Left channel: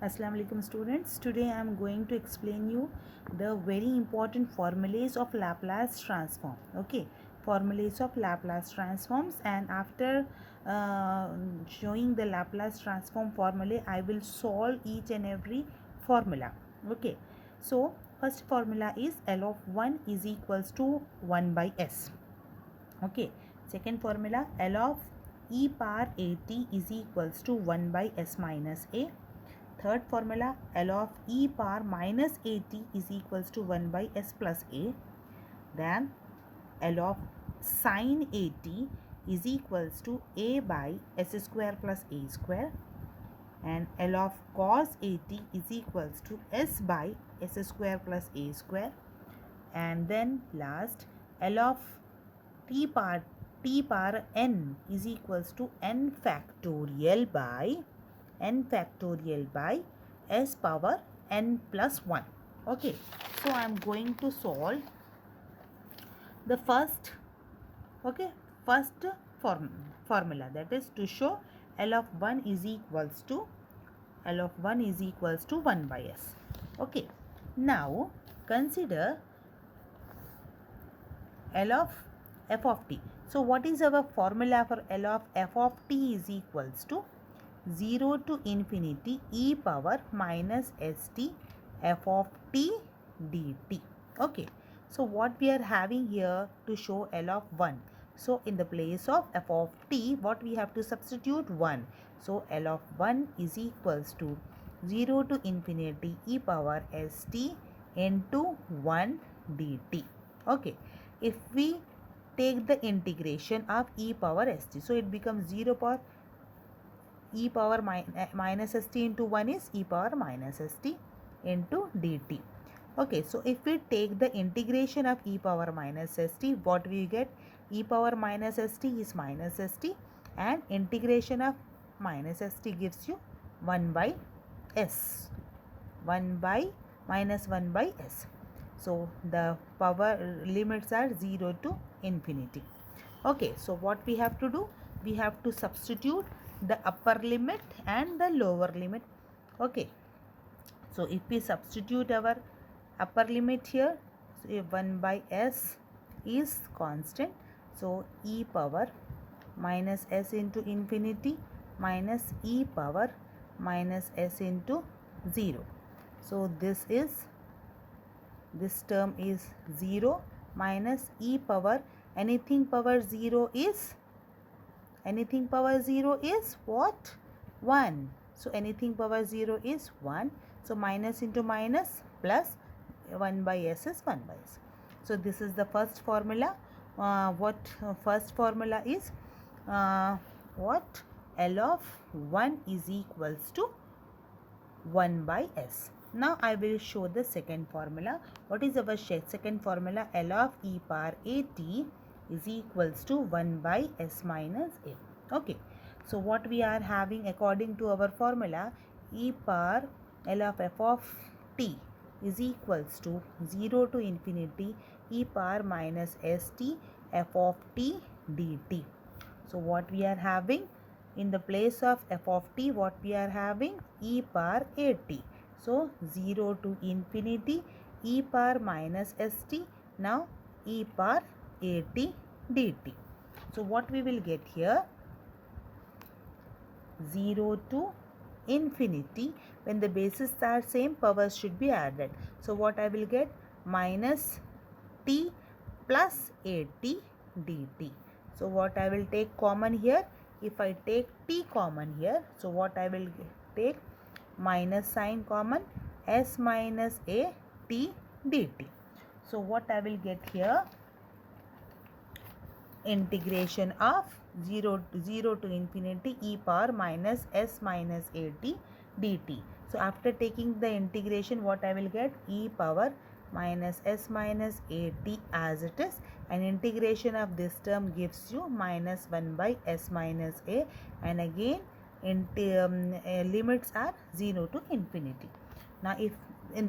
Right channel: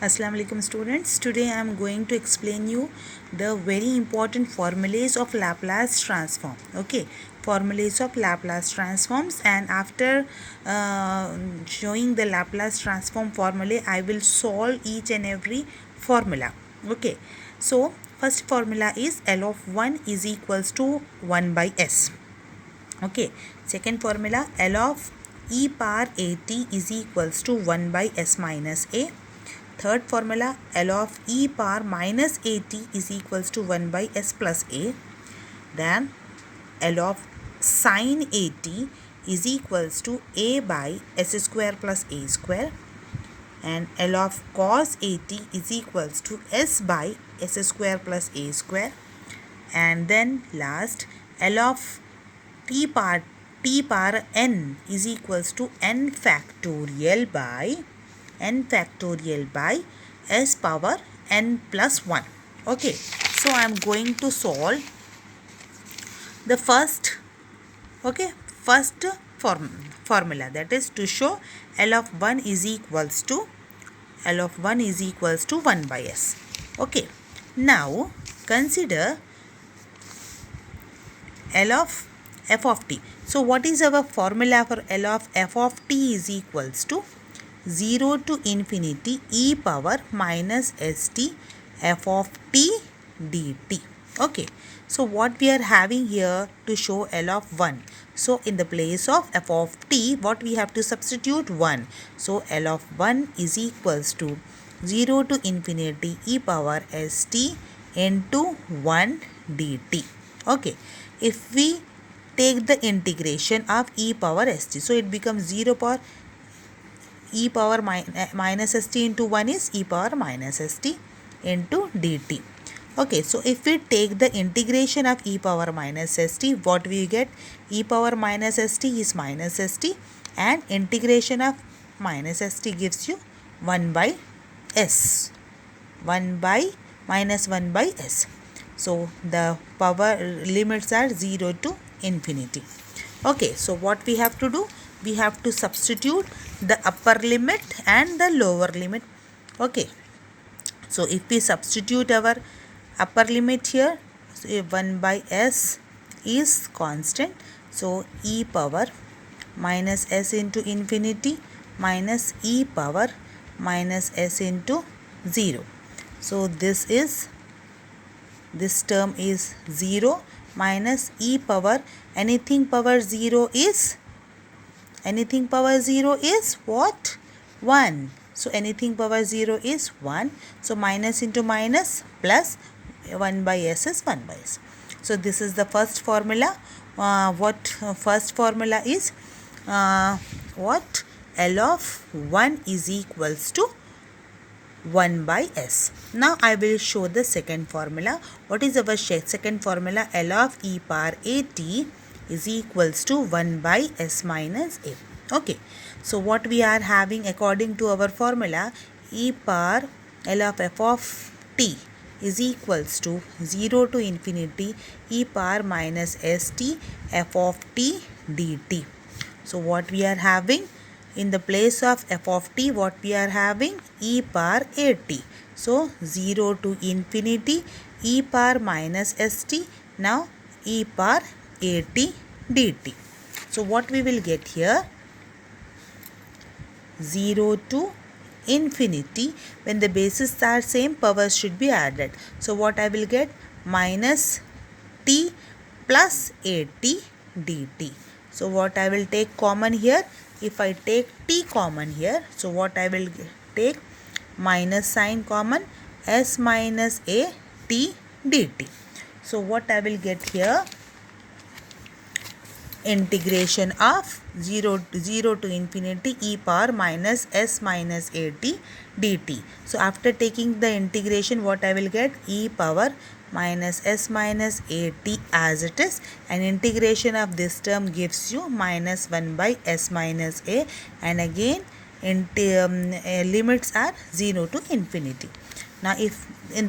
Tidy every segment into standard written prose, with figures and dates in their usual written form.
Assalamu alaikum students. Today I am going to explain you the very important formulas of Laplace transform. Okay, formulas of Laplace transforms, and after showing the Laplace transform formula, I will solve each and every formula. Okay, so first formula is L of 1 is equals to 1 by S. Okay, second formula L of e power at is equals to 1 by S minus a. Third formula L of e power minus at is equals to 1 by S plus a. Then L of sin at is equals to a by S square plus a square. And L of cos at is equals to S by S square plus a square. And then last L of t power n is equals to n factorial by s power n plus 1. Okay, so I am going to solve the first formula, that is to show L of 1 is equals to 1 by s. Okay, now consider L of f of t. So what is our formula for L of f of t is equals to 0 to infinity e power minus st f of t dt. Okay, so what we are having here to show L of 1. So in the place of f of t, what we have to substitute? 1. So L of 1 is equals to 0 to infinity e power st into 1 dt. Okay, if we take the integration of e power st, so it becomes 0 power e power minus st into 1 is e power minus st into dt. Okay, so if we take the integration of e power minus st, what we get? E power minus st is minus st, and integration of minus st gives you 1 by s. 1 by minus 1 by s. So the power limits are 0 to infinity. Okay, so what we have to do? We have to substitute the upper limit and the lower limit. Okay, so if we substitute our upper limit here, so 1 by s is constant. So e power minus s into infinity minus e power minus s into 0. So this term is 0 minus e power, anything power 0 is what? 1. So anything power 0 is 1. So minus into minus plus 1 by s is 1 by s. So this is the first formula. First formula is what? L of 1 is equals to 1 by s. Now I will show the second formula. What is our second formula? L of e power at is equals to 1 by s minus a. Okay, so what we are having according to our formula, e power L of f of t is equals to 0 to infinity e power minus st f of t dt. So what we are having? In the place of f of t, what we are having? E power at. So 0 to infinity e power minus st, now e power at dt. So what we will get here? 0 to infinity, when the bases are same, powers should be added. So what I will get? Minus t plus at dt. So what I will take common here? If I take t common here, so what I will take? Minus sign common, s minus a t dt. So what I will get here? Integration of 0 to infinity e power minus s minus a t dt. So after taking the integration, what I will get? E power minus s minus a t as it is, and integration of this term gives you minus 1 by s minus a, and again limits are 0 to infinity. Now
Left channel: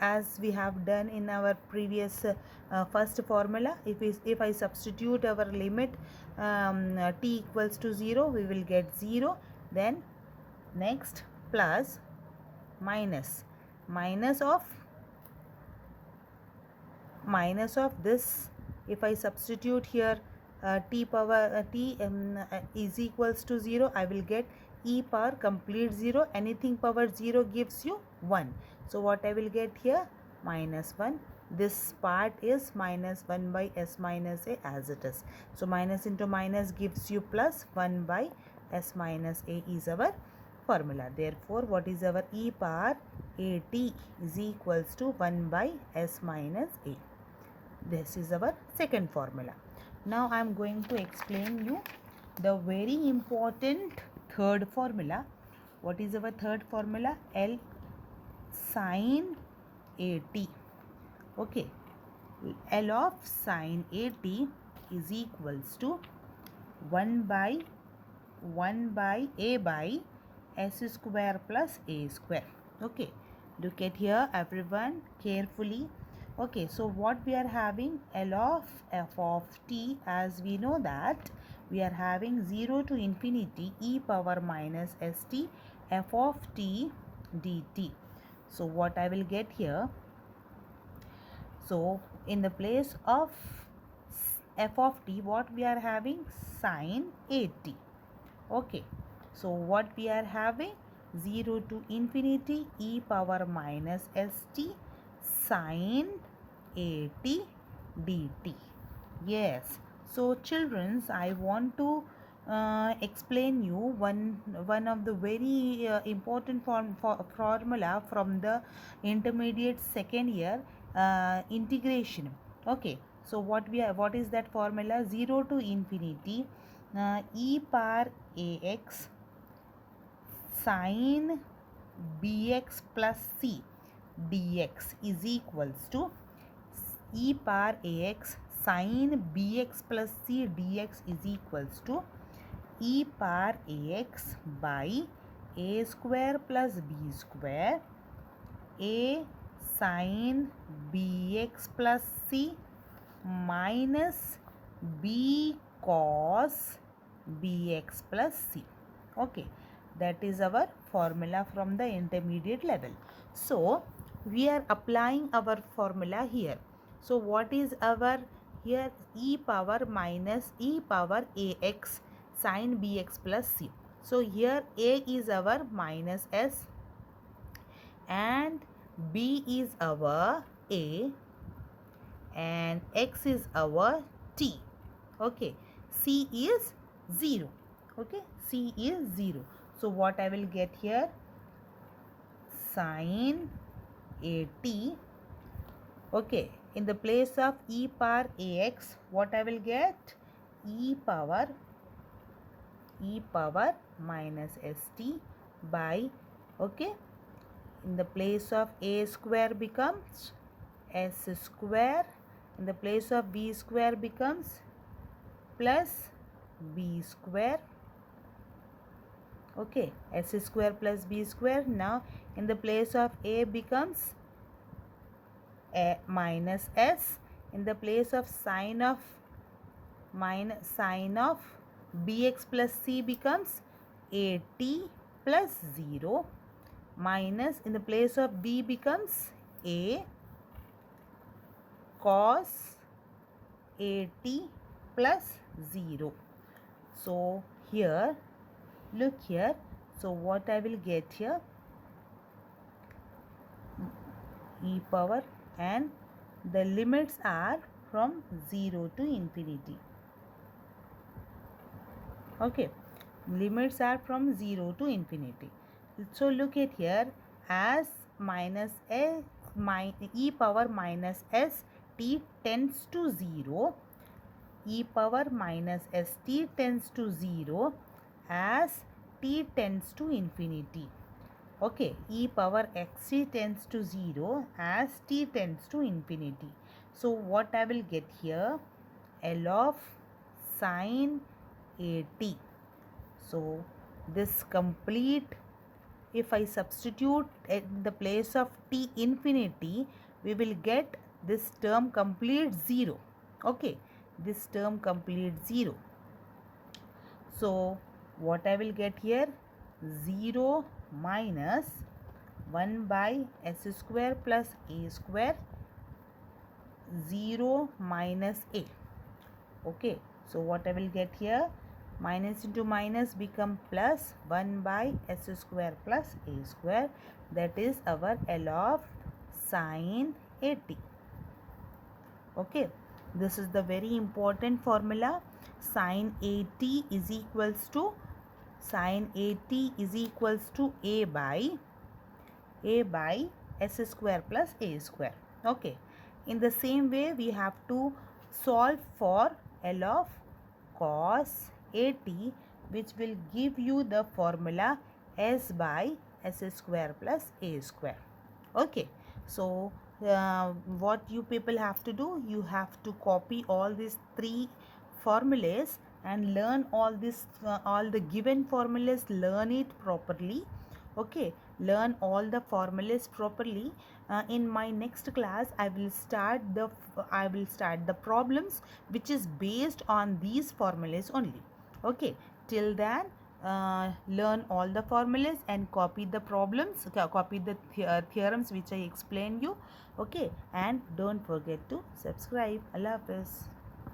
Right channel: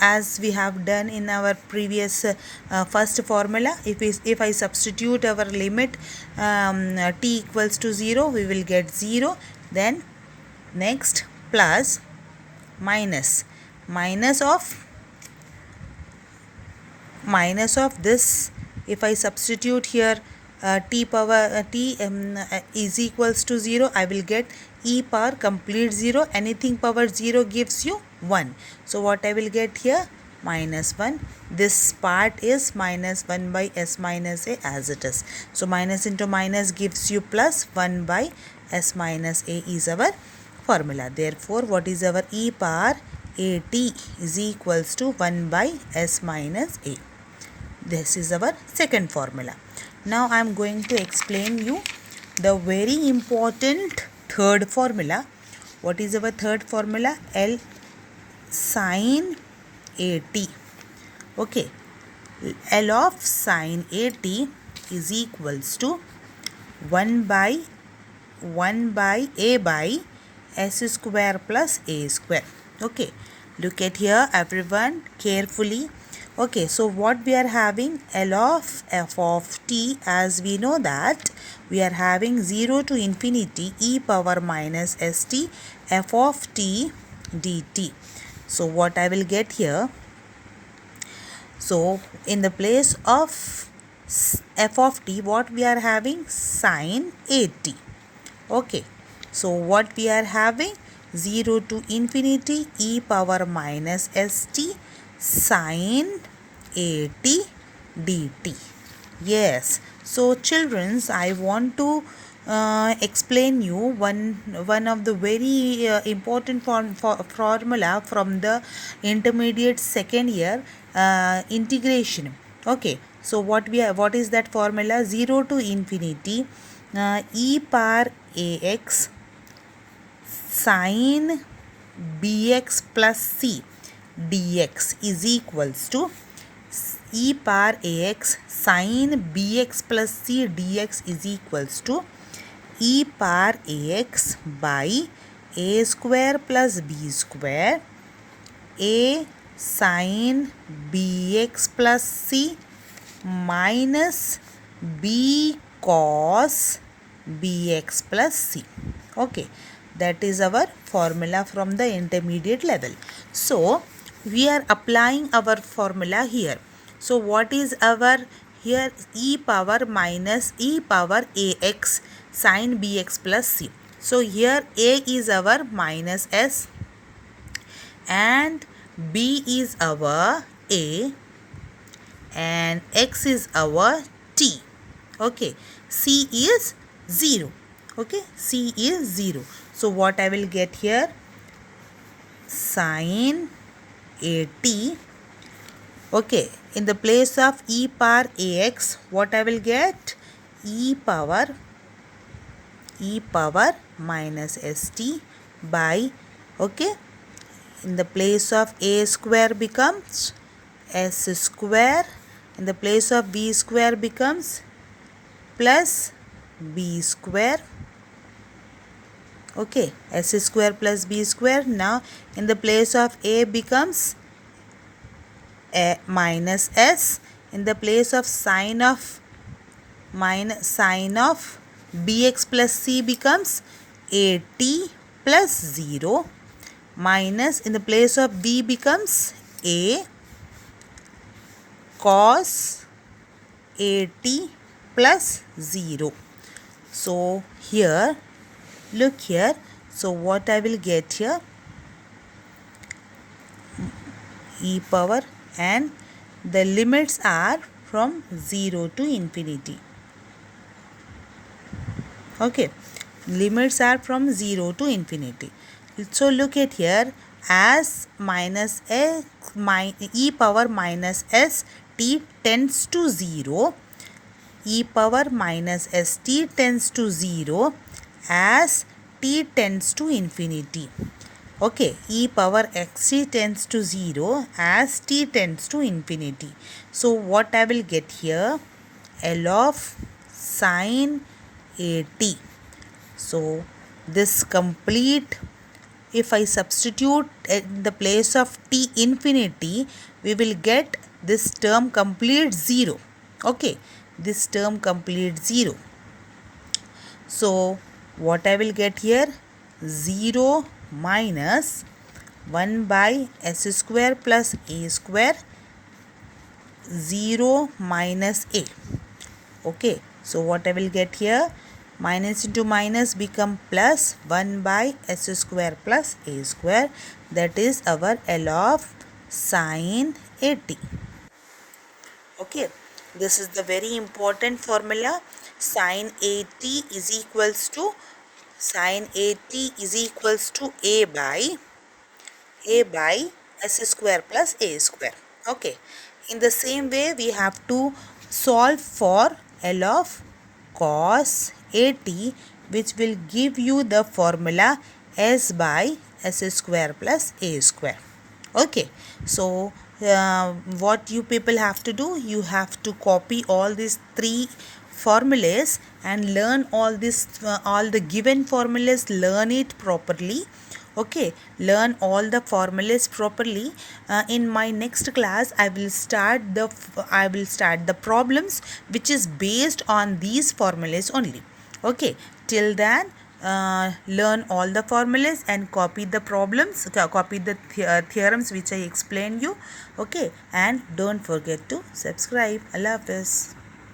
as we have done in our previous first formula, if I substitute our limit t equals to 0, we will get 0. Then next plus minus minus of this. If I substitute here t power t is equals to 0, I will get e power complete 0. Anything power 0 gives you 1. So what I will get here? Minus 1. This part is minus 1 by s minus a as it is. So minus into minus gives you plus 1 by s minus a is our formula. Therefore, what is our e power at is equals to 1 by s minus a. This is our second formula. Now I am going to explain you the very important third formula. What is our third formula? L sin at. Okay. L of sin at is equals to 1 by a by s square plus a square. Okay. Look at here everyone carefully. Okay, so what we are having? L of f of t, as we know that we are having 0 to infinity e power minus st f of t dt. So what I will get here? So in the place of f of t, what we are having? Sin at. Okay, so what we are having? 0 to infinity e power minus st sin at dt. Yes, so childrens, I want to explain you one of the very important formula from the intermediate second year integration. Okay, so what is that formula? 0 to infinity e power ax sin bx plus c dx is equals to e power ax sin bx plus c dx is equals to e power ax by a square plus b square a sin bx plus c minus b cos bx plus c. Okay, that is our formula from the intermediate level. So we are applying our formula here. So what is our here? E power minus e power ax sin bx plus c. So here a is our minus s and b is our a and x is our t. Okay, c is 0. Okay, c is 0. So what I will get here? Sin at. Okay, in the place of e power ax, what I will get? E power minus st by, okay, in the place of a square becomes s square, in the place of b square becomes plus b square. Okay, s square plus b square. Now in the place of a becomes a minus s, in the place of sine of bx plus c becomes at plus 0 minus, in the place of b becomes a cos at plus 0. So here, look here. So what I will get here? E power, and the limits are from 0 to infinity. Okay, limits are from 0 to infinity. So look at here, as minus a e power minus s t tends to 0, e power minus st tends to 0 as t tends to infinity. Okay, e power xt tends to 0 as t tends to infinity. So what I will get here? L of sin at. So this complete, if I substitute in the place of t infinity, we will get this term complete 0. Okay, this term complete 0. So what I will get here? 0 minus 1 by s square plus a square, 0 minus a. Okay, so what I will get here, minus into minus become plus, 1 by s square plus a square, that is our L of sine 80. Okay, this is the very important formula. Sine 80 is equals to a by s square plus a square. Okay, in the same way we have to solve for L of cos 80, which will give you the formula s by s square plus a square. Okay, so what you people have to do, you have to copy all these three formulas and learn all the given formulas, learn it properly. Okay, learn all the formulas properly. In my next class I will start the problems which is based on these formulas only. Okay, till then learn all the formulas and copy the problems, copy the theorems which I explained you. Okay, and don't forget to subscribe. Allah Hafiz.